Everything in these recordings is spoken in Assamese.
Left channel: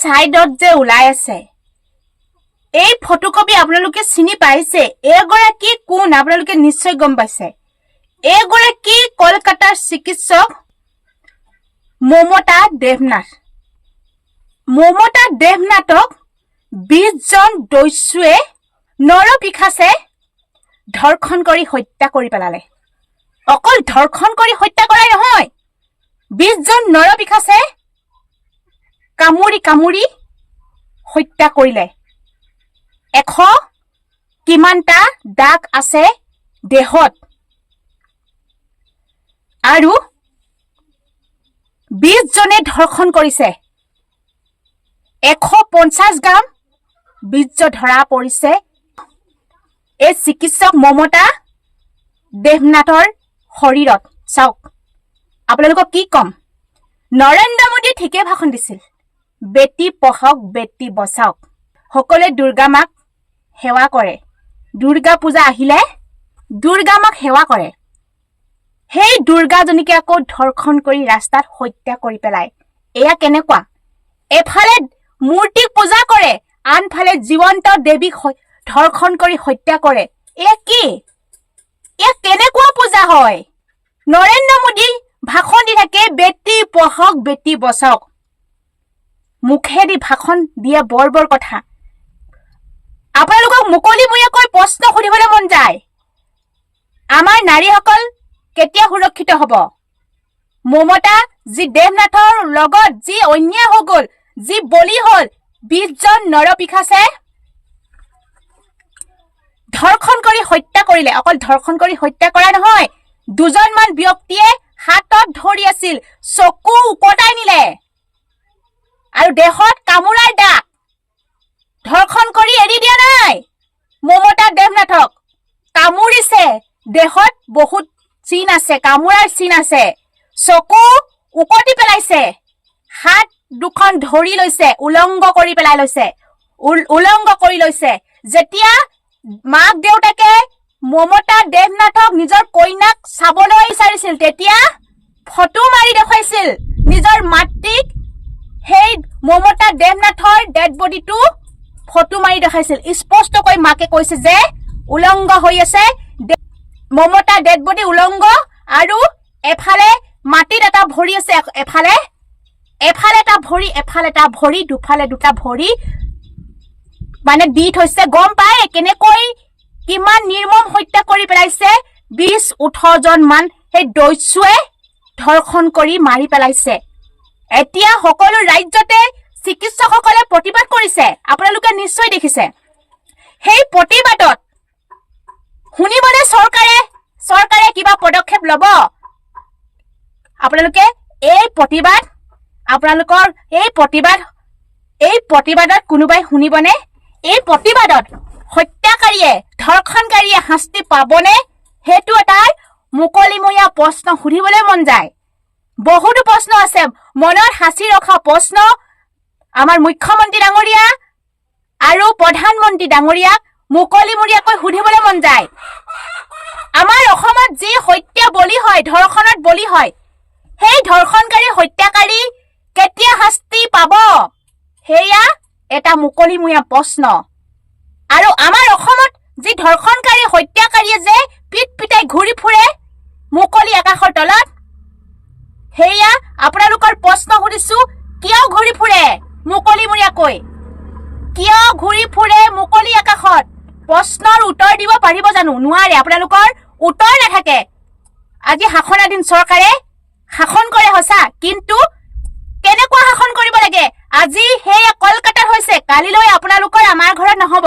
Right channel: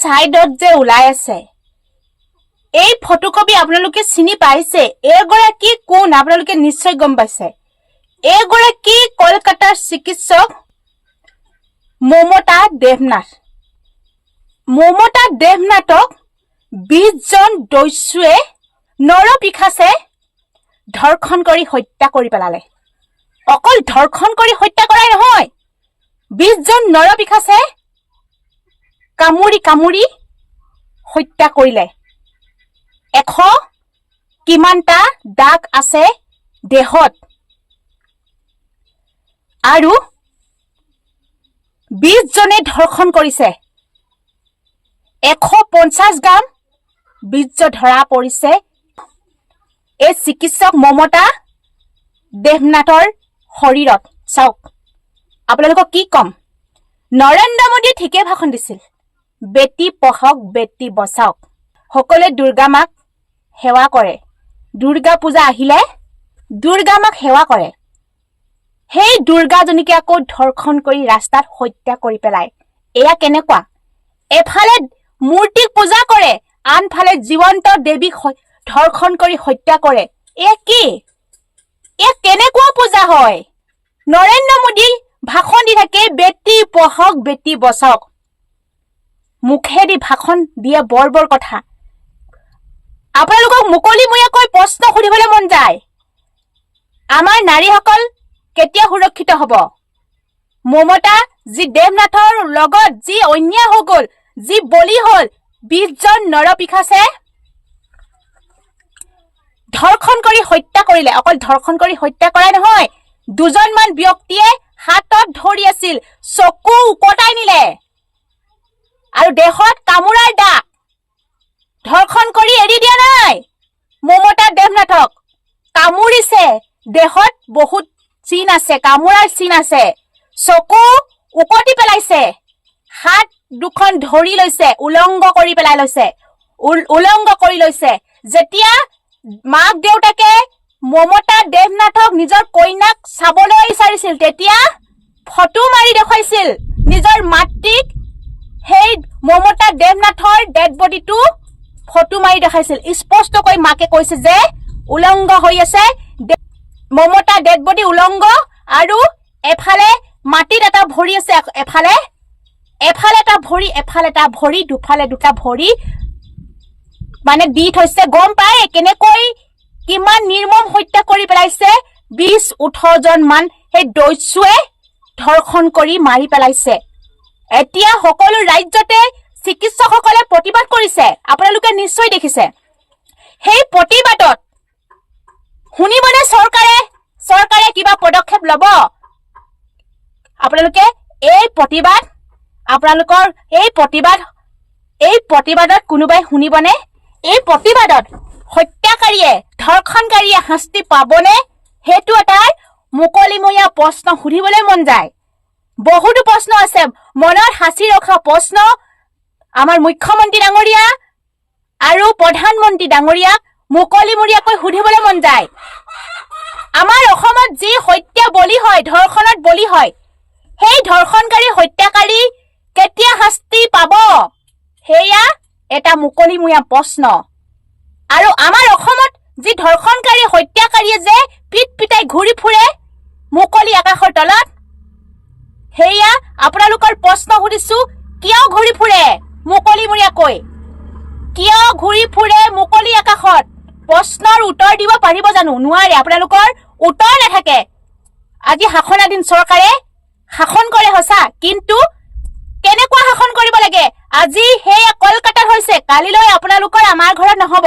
সাইডত যে ওলাই আছে এই ফটোকপি আপোনালোকে চিনি পাইছে এগৰাকী কোন আপোনালোকে নিশ্চয় গম পাইছে এগৰাকী কলকাতাৰ চিকিৎসক মমতা দেৱনাথক 20 জন দস্যুৱে নৰপিশাচে ধৰ্ষণ কৰি হত্যা কৰি পেলালে অকল ধৰ্ষণ কৰি হত্যা কৰাই নহয় 20 জন নৰপিশাচে কামুৰি হত্যা কৰিলে 100 কিমানটা দাগ আছে দেহত আৰু 20 জনে ধৰ্ষণ কৰিছে 150 গ্ৰাম বীৰ্য ধৰা পৰিছে এই চিকিৎসক মমতা দেৱনাথৰ শৰীৰত চাওক আপোনালোকক কি কম নৰেন্দ্ৰ মোদী ঠিকে ভাষণ দিছিল বেটি পঢ়ক বেটি বচাওক সকলোৱে দুৰ্গা মাক সেৱা কৰে দুৰ্গা পূজা আহিলে দুৰ্গা মাক সেৱা কৰে সেই দুৰ্গাজনীকে আকৌ ধৰ্ষণ কৰি ৰাস্তাত হত্যা কৰি পেলায় এয়া কেনেকুৱা এফালে মূৰ্তিক পূজা কৰে আনফালে জীৱন্ত দেৱীক ধৰ্ষণ কৰি হত্যা কৰে এয়া কি এয়া কেনেকুৱা পূজা হয় নৰেন্দ্ৰ মোদী ভাষণ দি থাকে বেটি পঢ়ক বেটি বচাওক মুখেদি ভাষণ দিয়ে বৰ কথা আপোনালোকক মুকলিমূৰীয়াকৈ প্ৰশ্ন সুধিবলৈ মন যায় আমাৰ নাৰীসকল কেতিয়া সুৰক্ষিত হ'ব মমতা যি দেৱনাথৰ লগত যি অন্যায় হৈ গ'ল যি বলি হ'ল 20 জন নৰপিশাচে ধৰ্ষণ কৰি হত্যা কৰিলে অকল ধৰ্ষণ কৰি হত্যা কৰা নহয় দুজনমান ব্যক্তিয়ে হাতত ধৰি আছিল চকু উকটাই নিলে আৰু দেহত কামুৰাৰ দাগ ধৰ্ষণ কৰি এৰি দিয়া নাই মমতা দেৱনাথক কামুৰিছে দেহত বহুত চিন আছে কামুৰাৰ চিন আছে চকু উকটি পেলাইছে হাত দুখন ধৰি লৈছে উলংগ কৰি লৈছে যেতিয়া মাক দেউতাকে মমতা দেৱনাথক নিজৰ কইনাক চাবলৈ বিচাৰিছিল তেতিয়া ফটো মাৰি দেখুৱাইছিল নিজৰ মাতৃক সেই মমতা দেৱনাথৰ ডেড বডিটো ফটো মাৰি দেখাইছিল স্পষ্টকৈ মাকে কৈছে যে উলংগ হৈ আছে মমতা ডেড বডি উলংগ আৰু এফালে মাটিত এটা ভৰি আছে এফালে এটা ভৰি এফালে এটা ভৰি দুফালে দুটা ভৰি মানে দি থৈছে গম পায় কেনেকৈ কিমান নিৰ্মম হত্যা কৰি পেলাইছে 20-18 জন মান সেই দস্যুৱে ধৰ্ষণ কৰি মাৰি পেলাইছে এতিয়া সকলো ৰাজ্যতে চিকিৎসকসকলে প্ৰতিবাদ কৰিছে আপোনালোকে নিশ্চয় দেখিছে সেই প্ৰতিবাদত শুনিবনে চৰকাৰে কিবা পদক্ষেপ ল'ব আপোনালোকে এই প্ৰতিবাদত কোনোবাই শুনিবনে এই প্ৰতিবাদত হত্যাকাৰীয়ে ধৰ্ষণকাৰীয়ে শাস্তি পাবনে হেতু এটা মুকলিমূৰীয়া প্ৰশ্ন সুধিবলৈ মন যায় বহুতো প্ৰশ্ন আছে মনত সাঁচি ৰখা প্ৰশ্ন আমাৰ মুখ্যমন্ত্ৰী ডাঙৰীয়া আৰু প্ৰধানমন্ত্ৰী ডাঙৰীয়াক মুকলিমূৰীয়াকৈ সুধিবলৈ মন যায় আমাৰ অসমত যি হত্যা বলি হয় ধৰ্ষণত বলি হয় সেই ধৰ্ষণকাৰী হত্যাকাৰী কেতিয়া শাস্তি পাব হেয়া এটা মুকলিমূৰীয়া প্ৰশ্ন আৰু আমাৰ অসমত যি ধৰ্ষণকাৰী হত্যাকাৰীয়ে যে পিট পিটাই ঘূৰি ফুৰে মুকলি আকাশৰ তলত হেয়া আপোনালোকৰ প্ৰশ্ন সুধিছো কিয় ঘূৰি ফুৰে মুকলিমূৰীয়াকৈ কিয় ঘূৰি ফুৰে মুকলি আকাশত প্ৰশ্নৰ উত্তৰ দিব পাৰিব জানো নোৱাৰে আপোনালোকৰ উত্তৰ নাথাকে আজি শাসনাধীন চৰকাৰে শাসন কৰে সঁচা কিন্তু কেনেকুৱা শাসন কৰিব লাগে আজি হেয়া কলকাতাত হৈছে কালিলৈ আপোনালোকৰ আমাৰ ঘৰত নহব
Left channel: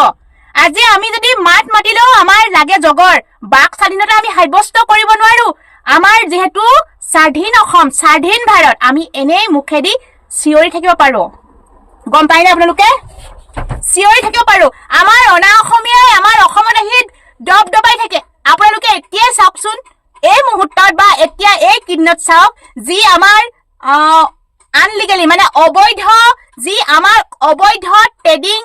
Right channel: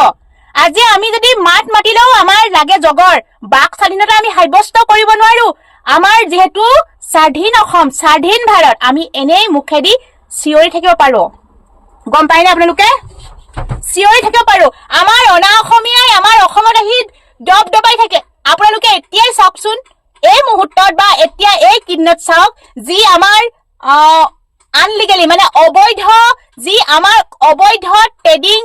আজি আমি যদি মাতিলেও আমাৰ লাগে জগৰ বাক স্বাধীনতা আমি সাব্যস্ত কৰিব নোৱাৰো আমাৰ যেহেতু স্বাধীন অসম স্বাধীন ভাৰত আমি এনেই মুখেদি চিঞৰি থাকিব পাৰো গম পাইনে আপোনালোকে চিঞৰি থাকিব পাৰো আমাৰ অনা অসমীয়াই আমাৰ অসমত আহি দবাই থাকে আপোনালোকে এতিয়াই চাওকচোন এই মুহূৰ্তত বা এতিয়া এই কিদিনত চাওক যি আমাৰ আনলিগেলি মানে অবৈধ যি আমাৰ অবৈধ ট্ৰেডিং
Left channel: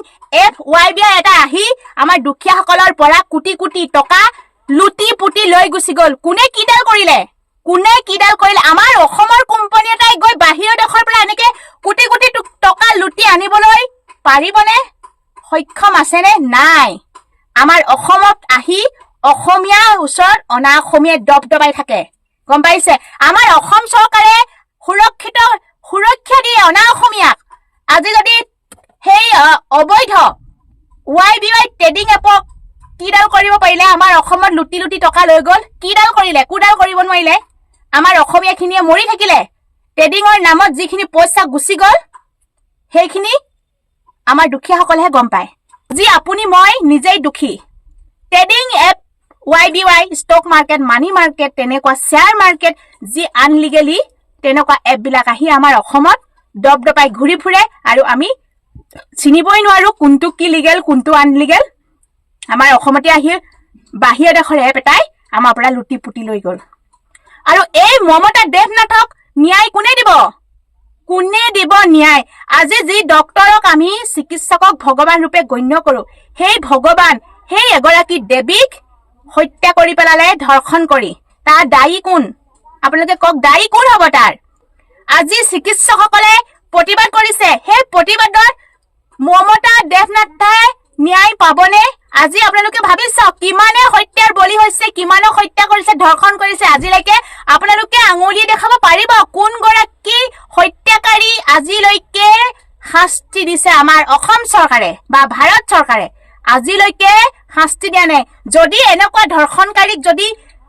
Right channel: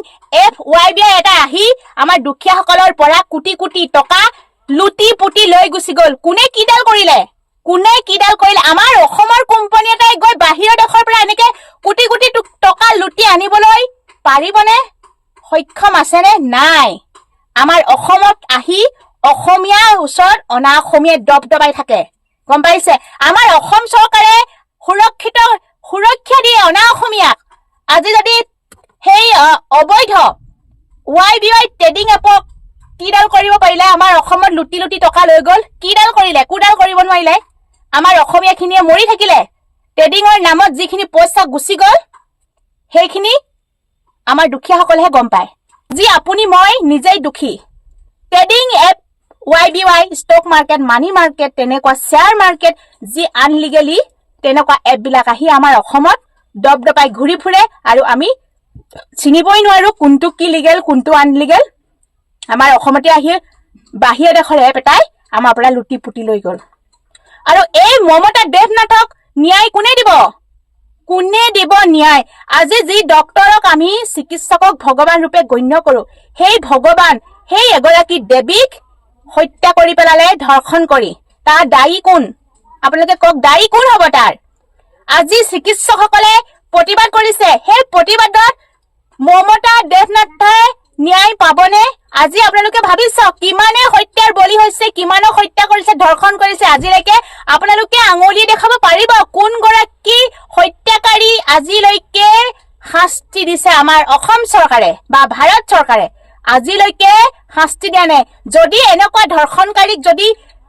FYB এটা আহি আমাৰ দুখীয়াসকলৰ পৰা কোটি কোটি টকা লুটি পুটি লৈ গুচি গ'ল কোনে কিডাল কৰিলে আমাৰ অসমৰ কোম্পানী এটাই গৈ বাহিৰৰ দেশৰ পৰা এনেকে কোটি কোটি টকা লুটি আনিবলৈ পাৰিবনে? সক্ষম আছেনে? নাই। আমাৰ অসমত আহি অসমীয়াৰ ওচৰত অনা অসমীয়াই দবদবাই থাকে, গম পাইছে? আমাৰ অসম চৰকাৰে সুৰক্ষা দিয়ে অনা অসমীয়াক। আজি যদি সেই অবৈধ YBY ট্ৰেডিং এপক কিডাল কৰিব পাৰিলে? আমাৰ অসমত লুটি লুটি টকা লৈ গ'ল, কিডাল কৰিলে? কুডাল কৰিব নোৱাৰিলে? আমাৰ অসমীয়াখিনিয়ে মৰি থাকিলে। ট্ৰেডিঙৰ নামত যিখিনি পইচা গুচি গ'ল সেইখিনি আমাৰ দুখীয়াসকলেহে গম পায়। যি আপুনি মই নিজেই দুখী। Trading app YBY, stock market, money market, তেনেকুৱা শ্বেয়াৰ মাৰ্কেট যি আনলিগেলি তেনেকুৱা এপবিলাক আহি আমাৰ অসমত দবদবাই ঘূৰি ফুৰে আৰু আমি চিনিবই নোৱাৰো কোনটো কি লিগেল কোনটো আনলিগেল। আমাৰ অসমতে আহি বাহিৰা দেশৰ এপ এটাই আমাৰ পৰা লুটি পুটি লৈ গ'ল। আৰু এই মমতা দেৱনাথক ন্যায় কোনে দিব? কোনে দিব ন্যায়? আজি যি ডক্তৰক আমি চিকিৎসকক ভগৱান ৰূপে গণ্য কৰো, সেই ভগৱান, সেই এগৰাকী দেৱীক হত্যা কৰি পেলালে, ধৰ্ষণ কৰি। তাৰ দায়ী কোন? আপোনালোকে কওক, দায়ী কোন হ'ব তাৰ? আজি চিকিৎসকসকলে প্ৰতিবাদ কৰিছে, সেই প্ৰতিবাদত মমতা দেৱনাথে ন্যায় পাবনে? আজি আপোনালোকে ভাবি চাওক, কিমানে হত্যাৰ বলি হৈছে, কিমানক হত্যা কৰিছে, ধৰ্ষণ কৰিছে। আজিলৈকে আপোনালোকে আঙুলি দেখাব পাৰিব কোন গৰাকী হত্যাকাৰী আজিলৈকে শাস্তি দিছে আমাৰ অসম চৰকাৰে বা ভাৰত চৰকাৰে? আজিলৈকে শাস্তি দিয়া নাই। যদি এনেকুৱা ধৰ্ষণকাৰীক যদি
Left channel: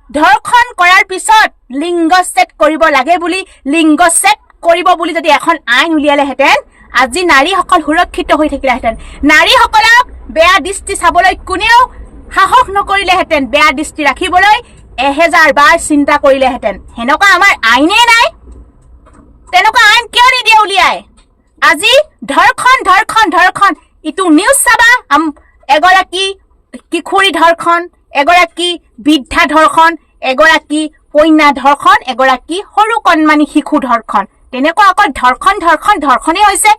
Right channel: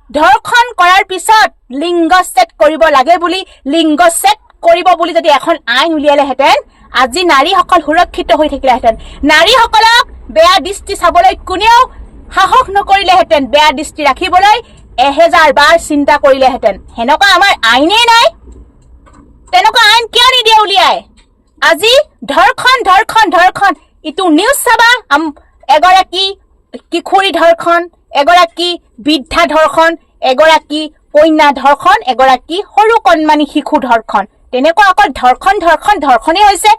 ধৰ্ষণ কৰাৰ পিছত লিংগচ্ছেদ কৰিব লাগে বুলি, লিংগচ্ছেদ কৰিব বুলি যদি এখন আইন উলিয়ালেহেঁতেন, আজি নাৰীসকল সুৰক্ষিত হৈ থাকিলেহেঁতেন। নাৰীসকলক বেয়া দৃষ্টি চাবলৈ কোনেও সাহস নকৰিলেহেঁতেন, বেয়া দৃষ্টি ৰাখিবলৈ 1000 বাৰ চিন্তা কৰিলেহেঁতেন। সেনেকুৱা আমাৰ আইনেই নাই। তেনেকুৱা আইন কিয় নিদিয়ে উলিয়াই? আজি ধৰ্ষণ ধৰ্ষণ ধৰ্ষণ। ইটো নিউজ চাবা, এগৰাকী কিশোৰী ধৰ্ষণ, এগৰাকী বৃদ্ধা ধৰ্ষণ, এগৰাকী কন্যা ধৰ্ষণ, এগৰাকী সৰু কণমানি শিশু ধৰ্ষণ। তেনেকুৱা অকল ধৰ্ষণ ধৰ্ষণ ধৰ্ষণেই হৈছে।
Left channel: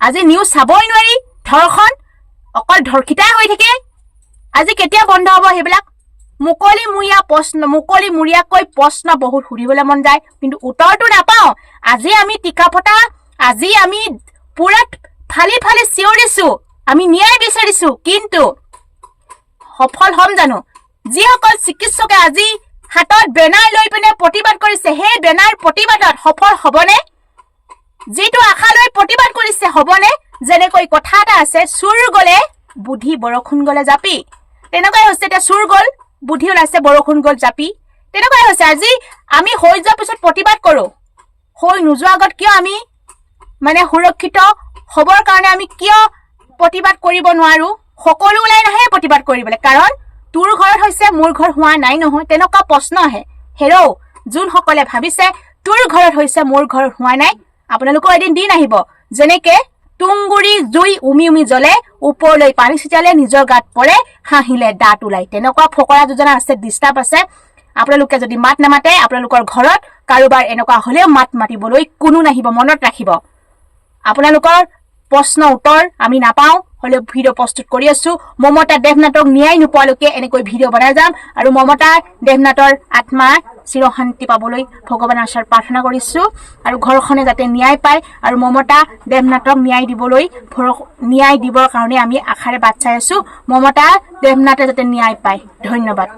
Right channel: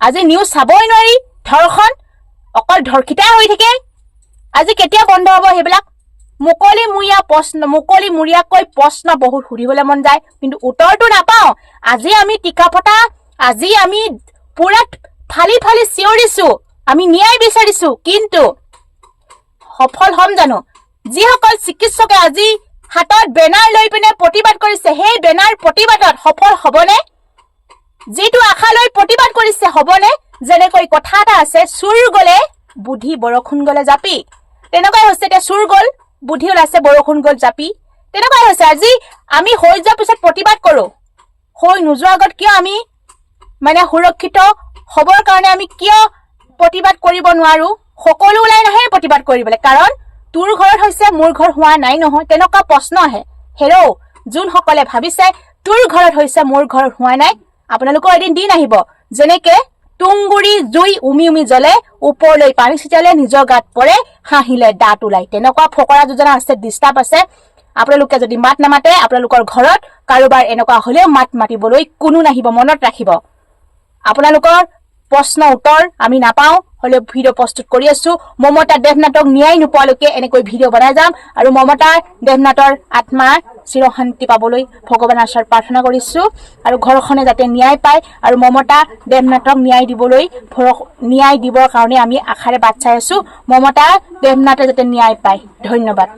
আজি নিউজ চাবই নোৱাৰি, ধৰ্ষণ অকল ধৰ্ষিতাই হৈ থাকে। আজি কেতিয়া বন্ধ হ'ব সেইবিলাক? মুকলিমূৰীয়াকৈ প্ৰশ্ন বহুত সুধিবলৈ মন যায়, কিন্তু উত্তৰটো নাপাওঁ। আজি আমি টিকা ফটা, আজি আমি পুৰা ফালি ফালি চিঞৰিছো, আমি ন্যায় বিচাৰিছো, কিন্তু সফল হ'ম জানো? যিসকল চিকিৎসকে আজি হাতত বেনাৰ লৈ পিনে প্ৰতিবাদ কৰিছে, সেই বেনাৰ প্ৰতিবাদত সফল হ'বনে? যিটো আশা লৈ প্ৰতিবাদ কৰিছে হ'বনে? যেনেকৈ কথা এটা আছে, চুৰ গ'লে বুদ্ধি, বৰষুণ গ'লে জাপি। তেনেকুৱাই হৈছে, এতিয়া চুৰ গ'ল, বুদ্ধি ওলাইছে, বৰষুণ গ'ল জাপি। তেনেকুৱাই হৈছে। আজি আমি হৈ যোৱাৰ পিছত প্ৰতিবাদ কৰো, হৈ নোযোৱাৰ আগত কিয় আমি সুৰক্ষিত হ'বৰ কাৰণে আমি কিয় প্ৰতিবাদ কৰিব নোৱাৰো? সকলো ওলাই নাহে প্ৰতিবাদ কৰিবলৈ, কাৰণ তোৰ ঘৰত হৈছে মোৰ ঘৰত হোৱা নাই নহয়, তেনেকুৱা প্ৰশ্ন আহে। হেৰৌ, যোনসকলে ভাবিছে তোৰ ঘৰত হৈছে মোৰ ঘৰত হোৱা নাই, আপোনালোকৰ এদিন দিন আহিব যেনেকে তুংগুৰি জুই উমি উমি জ্বলে, ওপৰলৈ পানী ছিটালে নিজৰ গাত পৰে, হাঁহিলে দাঁত ওলাই। তেনেকুৱা ফকৰা যোজনা আছে, ডিষ্টাৰ্ব আছে। আপোনালোকে যদি মাত নামাতে, আপোনালোকৰ ঘৰত কাৰোবাৰ এনেকুৱা হলেও মাত মাতিবলৈ কোনো নাহিব, মনত ৰাখিব। আপোনালোকৰ প্ৰশ্ন উত্তৰ আমি নাপাওঁ, হলেও ভিডিঅ' প্ৰস্তুত কৰি আছো। মমতা দেৱনাথক ন্যায় নোপোৱালৈকে এনেকৈ ভিডিঅ' বনাই যাম, আৰু মমতা দেৱনাথৰ আত্মাৰ চিৰশান্তি পাবলৈ ভগৱানৰ ওচৰত প্ৰাৰ্থনা কৰিছো, আৰু ঘৰখনে যাতে ন্যায় পায়, আৰু মমতা দেৱনাথক ন্যায় দিবৰ কাৰণে আমি আশাৰে বাট চাই আছো। মমতা দেৱনাথে যাতে ন্যায় পায়। ধন্যবাদ।